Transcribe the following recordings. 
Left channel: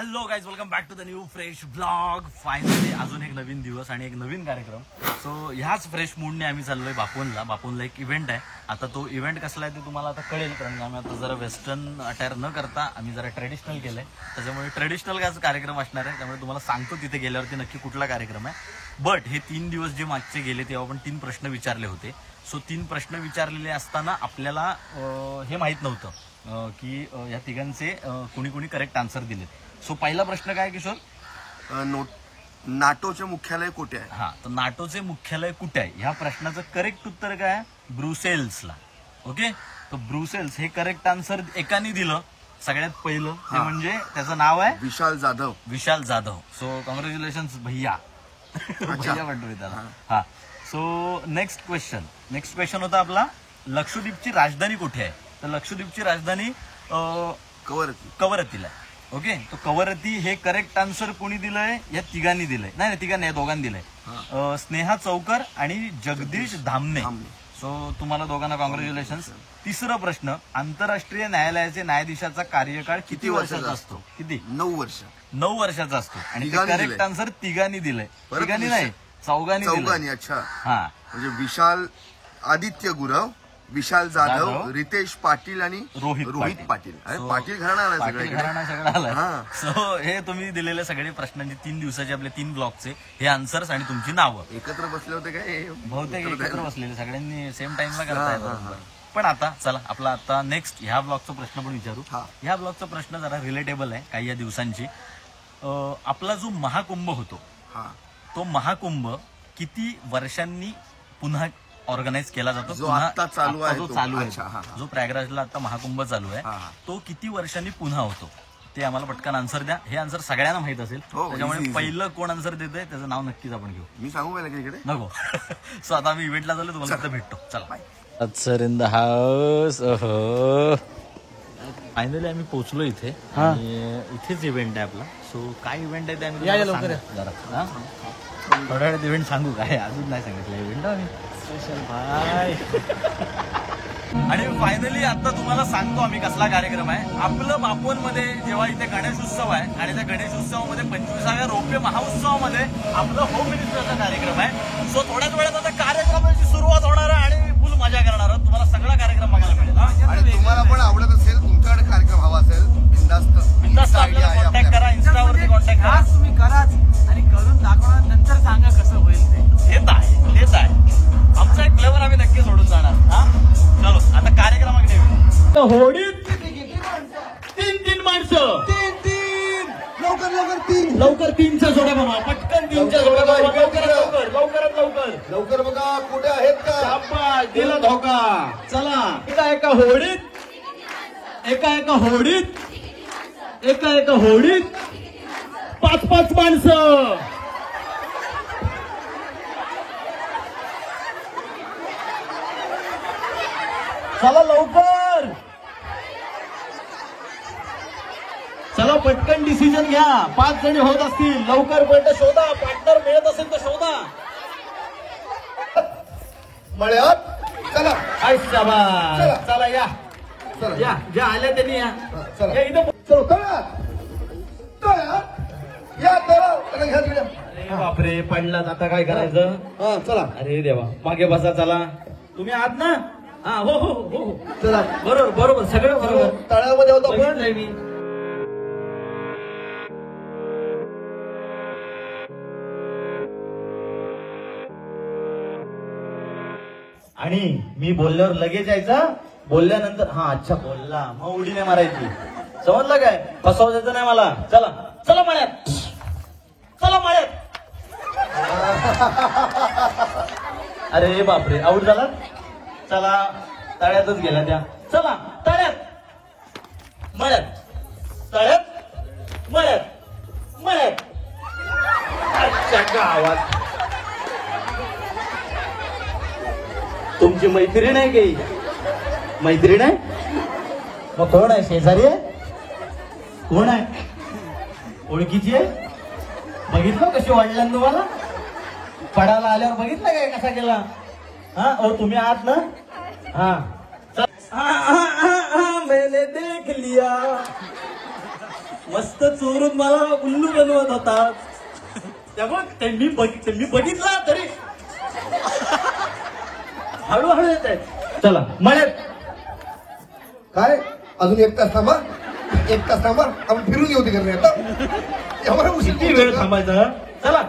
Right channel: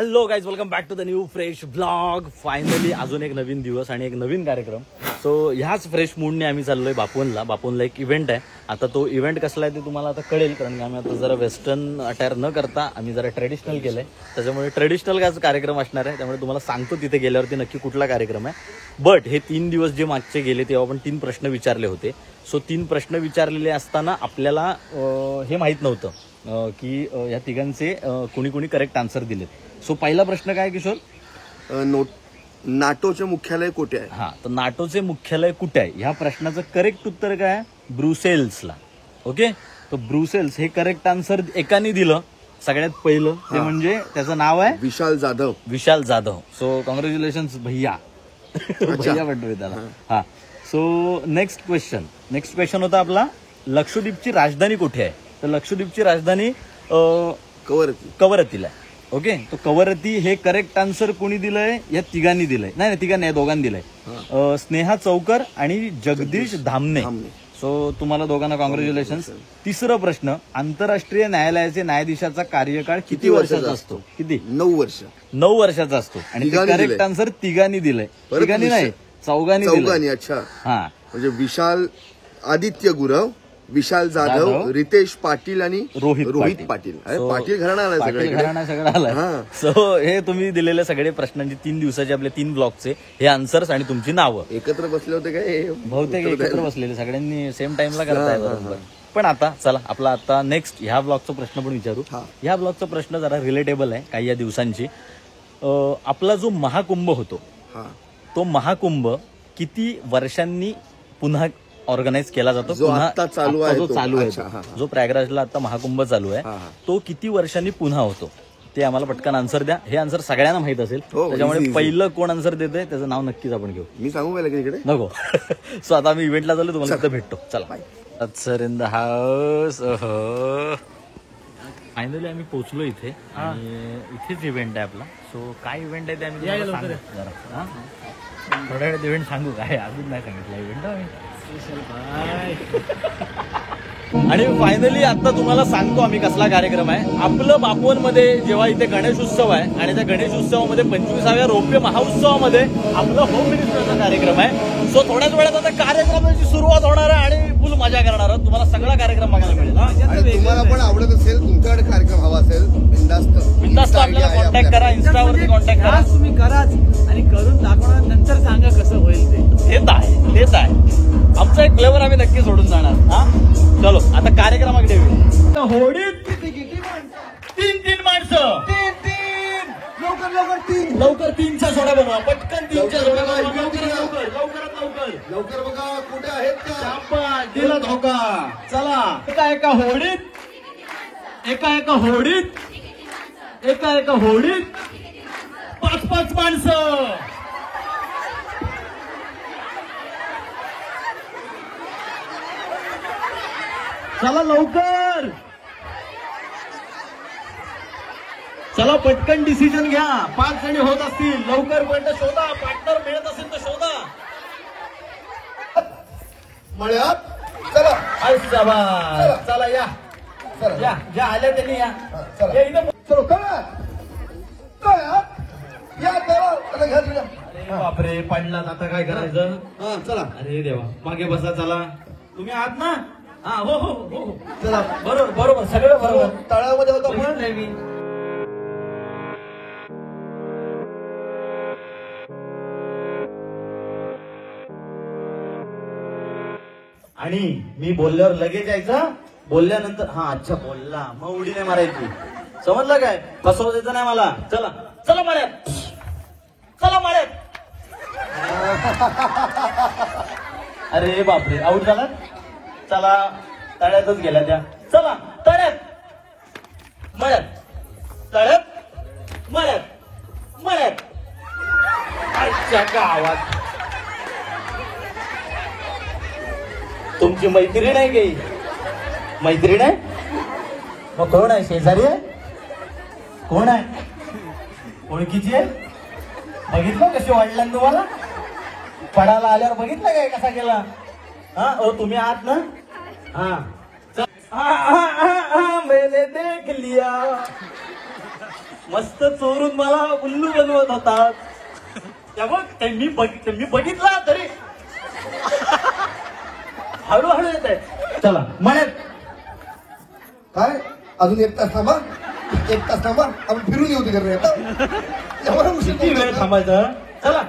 Hello guys, welcome back to the new fresh blog. Finally अजून एक नवीन दिवस आणि एक नवीन कार्यक्रम. सो ह्याच फ्रेश मूडने आम्ही चाललोय बापवनला एक इव्हेंट आहे. आता तो इव्हेंट कसला आहे ते तुम्हाला आता कळेल, कारण की आम्ही आता जरा वेस्टर्न अटायर न करता आम्ही जरा ट्रेडिशनल केलंय. त्याच्यामुळे ट्रेडिशनल कार्यक्रम असणार आहे. त्यामुळे तुम्हाला सांगतो तिथे गेल्यावरती नक्की कुठला कार्यक्रम आहे. बट हे 3 दिवस जे मागचे गेले तेव्हा आपण 3 प्रश्न विचारले होते. सो 3 प्रश्न विचारलेले असताना आपल्याला हे माहीत नव्हतं की या तिघांचे कुणी करेक्ट आन्सर दिलेत. सो पहिला प्रश्न काय किशोर? नाटोचे मुख्यालय कुठे आहे? हा, तर नाटोचे मुख्यालय कुठे आहे ह्या प्रश्नाचं करेक्ट उत्तर काय आहे? ब्रुसेल्सला. ओके, तर ब्रुसेल्स हे करेक्ट आन्सर एकाने दिलं सगळ्यात पहिलं, ते म्हणजे त्याचं नाव आहे विशाल जाधव. सो कॉंग्रॅच्युलेशन्स भैया. भैया म्हणतोय त्याला. हा, सो नेक्स्ट क्वेश्चन होता आपला, लक्षद्वीपची राजधानी कुठे आहे? तर लक्षद्वीपची राजधानी कवरत्तीला आहे. ओके, तो कवरत्ती हे करेक्ट आन्सर कोणी दिलंय? या तिघांनी दिलंय. नाही तिघांनी, या दोघांनी दिलंय. स्नेहा चौकर आणि जगदीश धामणे. सो तुम्हाला दोघांना कॉंग्रॅच्युलेशन्स. तिसरा प्रश्न, आंतरराष्ट्रीय न्यायालयाचे न्यायाधीशाचा कार्यकाळ किती वर्षाचा असतो? किती? 9 वर्ष. 9 वर्षाचा असतो. आणि करेक्ट आन्सर तिघांनी दिलंय. तिघांनी नाही, चौघांनी. अच्छा, हा, म्हणजे विशाल आदित्य गुरव, विशाल जाधव, रितेश पाटील आणि रोहित पाटील. पाटील घराणा सगळं आलाय. सो हे तुम्ही दिलेले सगळे प्रश्नांची 3 दिवसाचे आपले 3 ब्लॉकचे हे आन्सर्स आणि तुमची नावं एकत्र बसले होते काय? बहुतेक एकत्र बसलेले, सगळ्यांनी सेम टाइमला करताय बरोबर. पण आता चला, आपला आता नेक्स्ट ह्या ब्लॉकचा प्रश्न पण विचारू. ह्या ब्लॉकचा प्रश्न जरा रिलेटेबल आहे काही या दिवसांची. आपला जो महाकुंभ होतो, तो महाकुंभ किती वर्षांनी पुन्हा ऑर्गनाइज केला जातो? जो चालू आहे, जो प्रयागराजला आता महाकुंभ चालू आहे, तो किती वर्षांनी पुन्हा होतो? ते आम्हाला पटकन आन्सर द्या. हे आन्सर सगळ्यांना माहित असेल, त्याच्यामुळे पहिलं कोण आन्सर देतंय त्याचं नाव नक्कीच आपण घेऊ. मी सांगू का इकडे? नको. सो आता आम्ही इव्हेंटला चालू, तुम्हाला तिथं भेटतो. चला. Sir in the house. Finally आम्ही पोहोचलो इथे आणि इथेच इव्हेंट आहे आपला. सो काय इव्हेंट आहे ते आम्ही तुम्हाला सांगू जरा. थोड्या वेळात इव्हेंट सांगू काय? अजून नाही सांगितलं इव्हेंट आम्ही. आणि फायनली आता तुम्हाला सांगतो आम्ही कसला कार्यक्रम आहे. आपलं बापवनमध्ये जेव्हा इथे गणेश उत्सव आहे आणि त्या गणेश उत्सवामध्ये 25व्या रौप्य महोत्सवामध्ये आपलं होम मिनिस्टरचा कार्यक्रम आहे. सो थोड्याच वेळात आता कार्यक्रमाची सुरुवात होणार आहे आणि फुल मजा करणार आहोत. तुम्हाला सगळा कार्यक्रम बघायला मिळेल. आणि तुम्हाला पण आवडत असेल, तुमच्याकडे कार्यक्रम हवा असेल, बिंदास्त आपल्याला कॉन्टॅक्ट करा, इन्स्टावरती कॉन्टॅक्ट करा. तुम्ही कराच आणि करून दाखवणार, नंतर सांगा कसं होईल ते. तेच आहे आमचा एक फ्लेवर आम्ही नक्की सोडून जाणार. हा, चलो आता कार्यक्रमाकडे येऊ. होडीत 3 माणसं, लवकर 3चा जोड्या बनवा, पटकन 3च्या जोड्या बनवा, लवकर बघा कुठे आहेत का? शाबास, दिलं धोका. चला, एका होडीत 5 माणसं. चला लवकर, चला पटकन डिसिजन घ्या. 5 जणी होत असतील, लवकर पण शोधा. पार्टनर मिळत असेल तर शोधा. मळ्यात चला. चला या, ज्या आल्या त्यांनी या. अरे बापरे, पडलात, आता काय करायचं? चला. अरे देवा, मागे बसा. चला, तुम्ही आहात ना? हा, हो, चला. बरोबर सगळं बरोबर. तळ्यामध्ये होतं पण आणि मी बोलल्यावर लगेच यायचं. बोलल्यानंतर अच्छा बोलला मग उडी नाही मारायची. समजलं काय? फसवायचं नाही मला. चला माळ्यात. अरे बापरे, आऊट झाला. चला, तळ्यातच गेला त्या. चला तळ्यात, मळ्यात. आजच्या गावात तुमची मैत्रीण आहे की? मैत्रीण आहे मग कोण आहे? शेजारी आहे? कोण आहे? ओळखीची आहे? बघितलं कशी वाढलं तुम्हाला? पडायला आल्यावर बघितलं काय कसा केला? तुम्ही आहात ना? मैंने देख लिया. मस्त चोरून मला उल्लू बनवत होतात. त्यामुळे मी बघितला तरी हळूहळू येत आहे. चला म्हणत काय अजून 1 तास थांबा, 1 तास थांबा, आपण फिरून येऊ तिकडे आता. एवढा उशीर किती वेळ थांबायचं. चला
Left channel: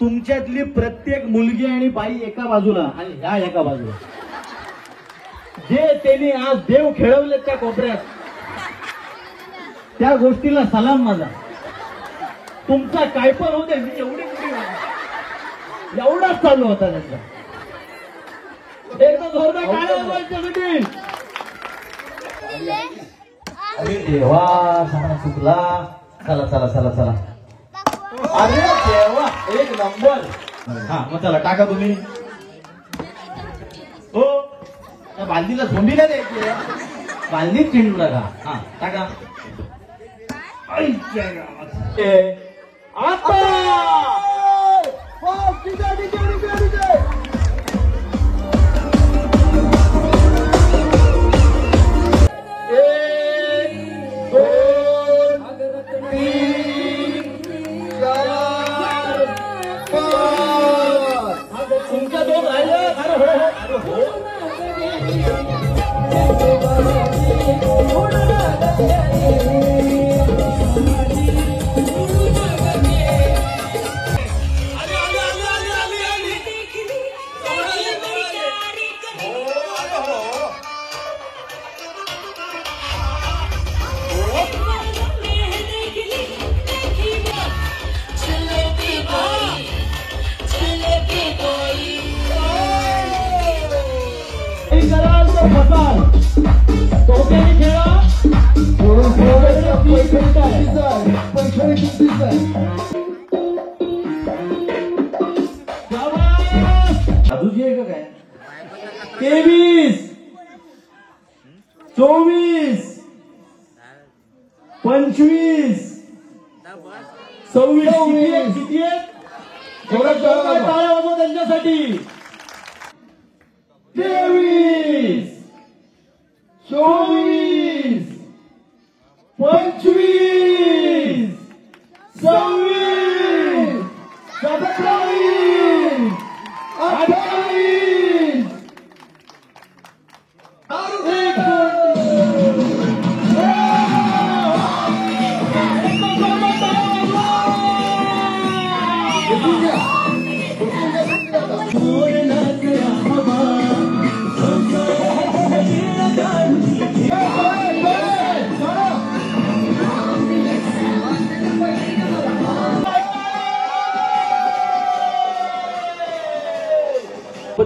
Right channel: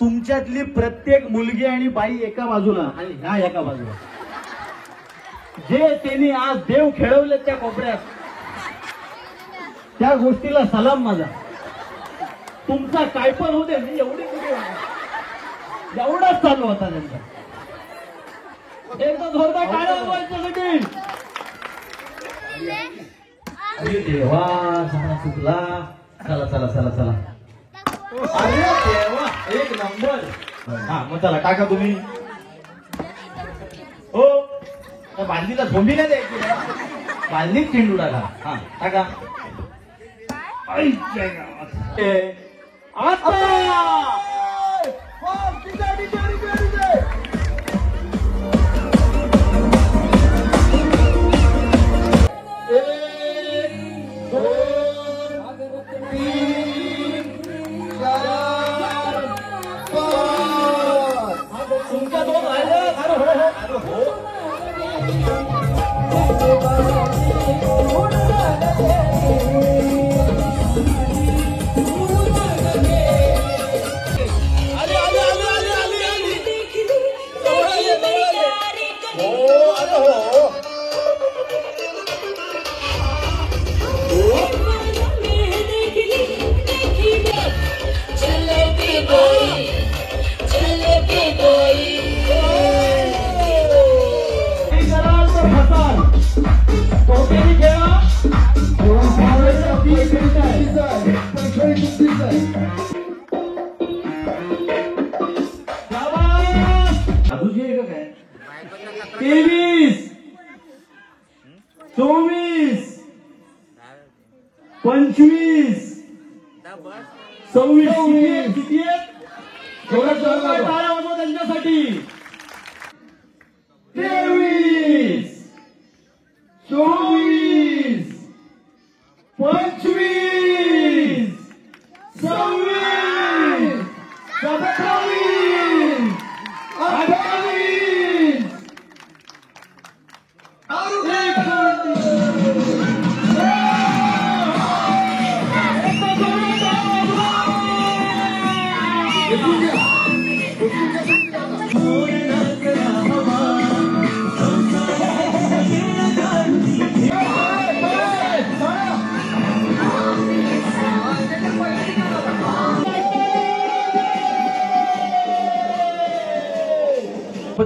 तुमच्यातली प्रत्येक मुलगी आणि बाई एका बाजूला आणि ह्या एका बाजूला, जे त्यांनी आज देव खेळवले त्या कोपऱ्यात, त्या गोष्टीला सलाम माझा. तुमचा काय पण होते एवढे पुढे एवढाच चालू होता त्यांचा. एकदा जोरदार टाळ्या वाजवायच्यासाठी. अरे देवा, सारा चुकला. चला चला चला चला. अरे देवा, 1 नंबर. हा मग चला टाका तुम्ही. हो बांधीला झोंबीला द्यायची, बांधीत चेंडू टाका. हा टाका. आईच्या गावात. आता तुमच्या 2 राहिल्या. अरे हो अरे हो. अजून आहे का काय? 23, 24, 25, 26. किती आहेत? टाळ्या वाजवा त्यांच्यासाठी. 23, 24, 25, 26, 27, 28.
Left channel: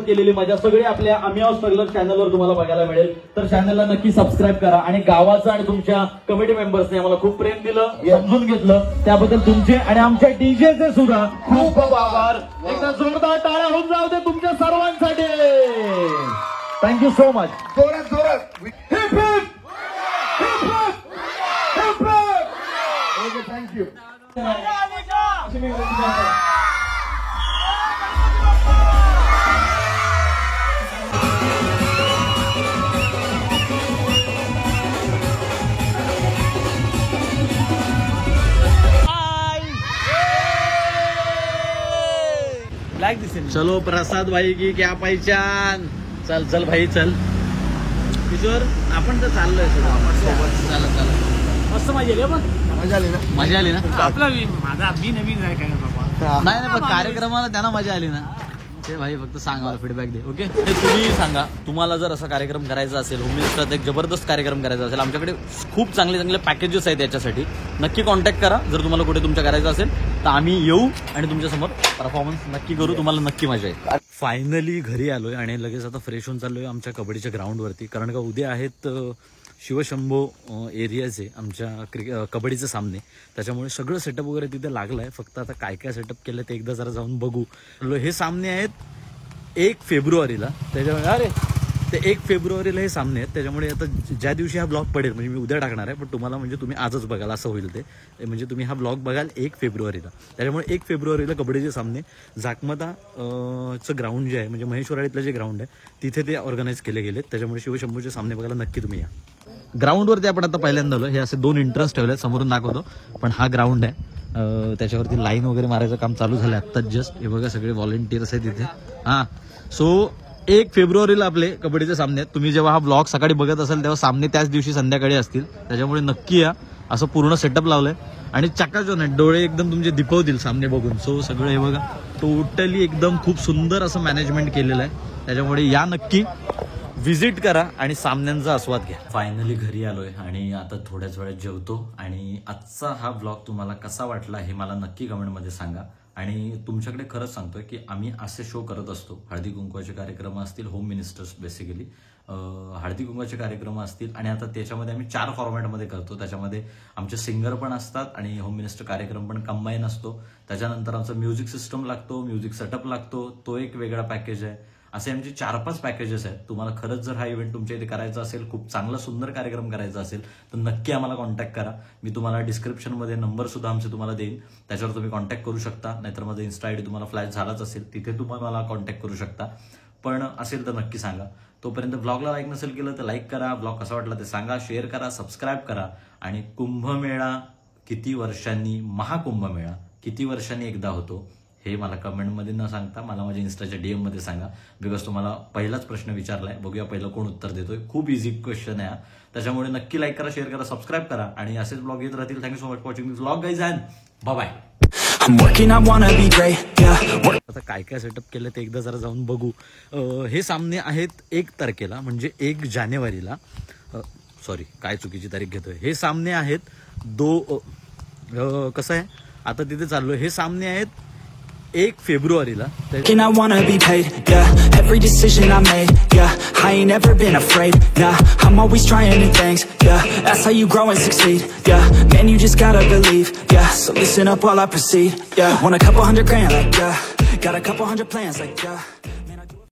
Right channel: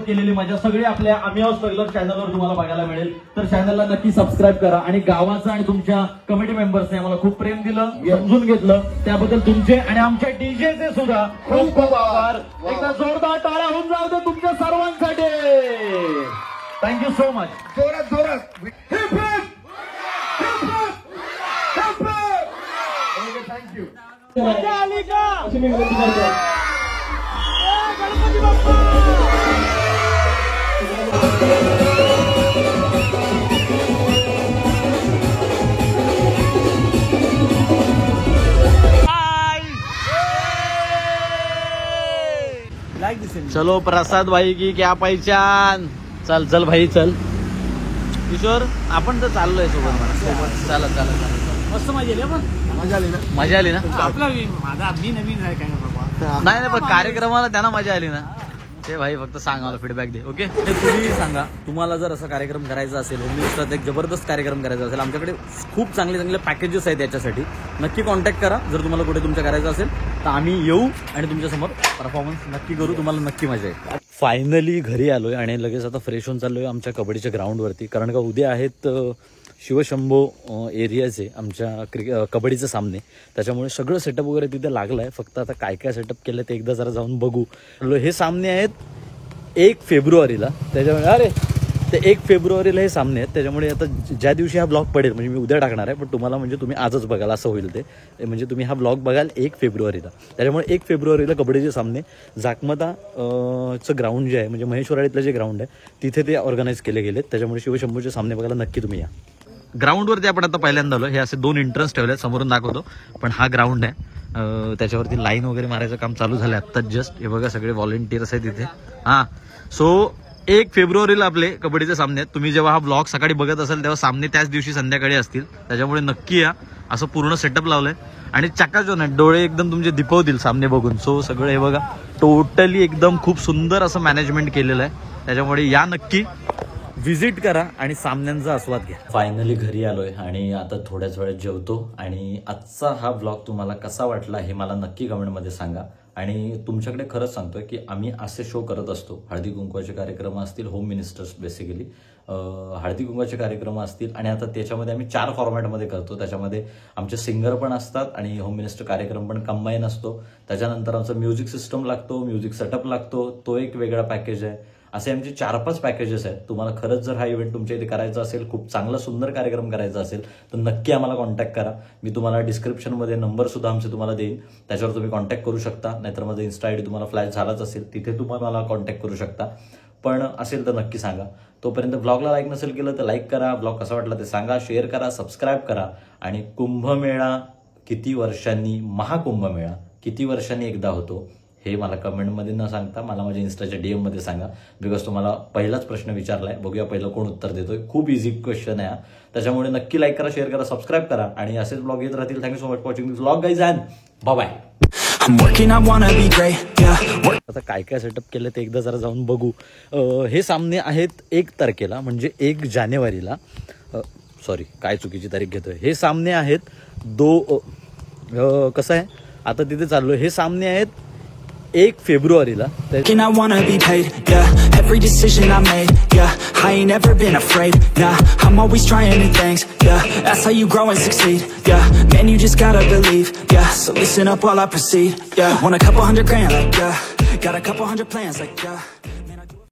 केलेली मजा सगळी आपल्या आम्ही आहोत स्ट्रगलर चॅनलवर तुम्हाला बघायला मिळेल. तर चॅनलला नक्की सबस्क्राईब करा. आणि गावाचं आणि तुमच्या कमिटी मेंबर्सने आम्हाला खूप प्रेम दिलं, समजून घेतलं, त्याबद्दल तुमचे आणि आमच्या डीजेचे सुद्धा खूप खूप आभार. एकदा जोरदार टाळ्या होऊन जाऊ दे तुमच्या सर्वांसाठी. Thank you so much. जोरात जोरात. Heap heap heap heap heap. Okay, thank you. मजा आली का? अशी मी विनंती करतो. चलो प्रसाद भाई की क्या पहचान. चल चल भाई चल. किशोर आपण तर चाललोय सोबत. चला चला चला. मस्त मजा आली. मजा आली ना? मजा आली ना? आपला माझा मी नवीन आहे काय बाबा. नाही पण कार्यक्रमाला त्यांना मजा आली ना. ते भाई फक्त सांग, मला फीडबॅक दे. ओके, ते तुम्ही सांगा, तुम्हाला जर असा कार्यक्रम करायचा असेल, होम मिनिस्टरात एक जबरदस्त कार्यक्रम करायचा असेल, आमच्याकडे खूप चांगले चांगले पॅकेजेस आहेत याच्यासाठी. नक्की कॉन्टॅक्ट करा. जर तुम्हाला कुठे तुमच्या करायचं असेल तर आम्ही येऊ आणि तुमच्यासमोर परफॉर्मन्स नक्की करू. तुम्हाला नक्की मजा येईल. फायनली घरी आलोय आणि लगेच आता फ्रेश होऊन चाललोय आमच्या कबड्डीच्या ग्राउंडवरती, कारण का उद्या आहेत शिवशंभो एरियाचे आमच्या कबड्डीचे सामने, त्याच्यामुळे सगळं सेटअप वगैरे तिथे लागलं आहे. फक्त आता काय काय सेटअप केलं ते एकदा जरा जाऊन बघू. हे सामने आहेत 1 फेब्रुवारीला, त्याच्यामुळे ते 1 फेब्रुवारीला हे सामने आहेत. त्याच्यामुळे आता ज्या दिवशी हा ब्लॉग पडेल, म्हणजे मी उद्या टाकणार आहे, पण तुम्हाला म्हणजे तुम्ही आजच बघाल असं होईल ते. म्हणजे तुम्ही हा ब्लॉग बघाल 1 फेब्रुवारीला. त्याच्यामुळे 1 फेब्रुवारीला कबड्डीचे सामने जाकमता चं ग्राउंड जे आहे, म्हणजे महेश्वराळीतलं जे ग्राउंड आहे तिथे ते ऑर्गनाईज केले गेलेत. त्याच्यामुळे शिवशंभूचे सामने बघायला नक्की तुम्ही या. ग्राउंडवरती आपण आता पहिल्यांदा आलो. हे असे 2 एंट्रन्स ठेवले आहेत, समोरून दाखवतो. पण हा ग्राउंड आहे, त्याच्यावरती लाईन वगैरे मारायचं काम चालू झालं आत्ताच जस्ट. हे बघा सगळे व्हॉलेंटियर्स आहेत तिथे. हां, सो 1 फेब्रुवारीला आपले कबड्डीचे सामने आहेत. तुम्ही जेव्हा हा ब्लॉग सकाळी बघत असाल तेव्हा सामने त्याच दिवशी संध्याकाळी असतील. त्याच्यामुळे नक्की या. असं पूर्ण सेटअप लावलंय आणि चकाचौंध आहे, डोळे एकदम तुमचे दिपवतील सामने बघून. सो सगळं हे बघा टोटली एकदम खूप सुंदर असं मॅनेजमेंट केलेलं आहे. त्याच्यामुळे या, नक्की व्हिजिट करा आणि सामन्यांचा आस्वाद घ्या. फायनली घरी आलोय आणि आता थोड्याच वेळात जेवतो. आणि आजचा हा ब्लॉग तुम्हाला कसा वाटला हे मला नक्की कमेंटमध्ये सांगा. आणि तुमच्याकडे खरंच सांगतोय की आम्ही असे शो करत असतो. हळदी कुंकवाचे कार्यक्रम असतील, होम मिनिस्टर्स बेसिकली हळदी कुंकवाचे कार्यक्रम असतील, आणि आता त्याच्यामध्ये आम्ही 4 फॉर्मॅटमध्ये करतो. त्याच्यामध्ये आमचे सिंगर पण असतात आणि होम मिनिस्टर कार्यक्रम पण कंबाईन असतो. त्याच्यानंतर आमचा म्युझिक सिस्टम लागतो, म्युझिक सेटअप लागतो, तो एक वेगळा पॅकेज आहे. असे आमचे 4-5 पॅकेजेस आहेत. तुम्हाला खरंच जर हा इव्हेंट तुमच्या इथे करायचा असेल, खूप चांगला सुंदर कार्यक्रम करायचा असेल, तर नक्की आम्हाला कॉन्टॅक्ट करा. मी तुम्हाला डिस्क्रिप्शनमध्ये नंबर सुद्धा आमचे तुम्हाला देईन, त्याच्यावर तुम्ही कॉन्टॅक्ट करू शकता. नाहीतर माझा इन्स्टा आयडी तुम्हाला फ्लॅश झालाच असेल, तिथे तुम्हाला मला कॉन्टॅक्ट करू शकता. पण असेल तर नक्की सांगा. तोपर्यंत ब्लॉगला लाईक नसेल केलं तर लाईक करा, ब्लॉग कसा वाटला ते सांगा, शेअर करा, सबस्क्राईब करा. आणि कुंभमेळा किती वर्षांनी, महाकुंभमेळा किती वर्षांनी एकदा होतो हे मला कमेंटमध्ये न सांगता मला माझ्या इन्स्टाच्या DM मध्ये सांगा. बिकॉज तुम्हाला पहिलाच प्रश्न विचारलाय, बघूया पहिलं कोण उत्तर देतोय. खूप इझी क्वेश्चन आहे, त्याच्यामुळे नक्की लाईक करा, शेअर करा, सबस्क्राईब करा आणि असेच ब्लॉग येत राहतील. Thank you so much for watching this blog guys and bye bye. आता काय काय सेटअप केलं ते एकदा जरा जाऊन बघू. हे सामने आहेत 1 तारखेला, म्हणजे 1 जानेवारीला. सॉरी, काय चुकीची तारीख घेतोय. हे सामने आहेत कसं आहे आता तिथे चाललोय. हे सामने आहेत 1 फेब्रुवारीला. And I wanna be paid, yeah. Every decision I made, yeah. I ain't never been afraid, nah. I'm always trying new things, yeah. That's how you grow and succeed, yeah. Man, you just gotta believe, yeah. So listen up while I proceed, yeah. Want a couple $100 grand, like, yeah. Got a couple hundred plans, like, yeah.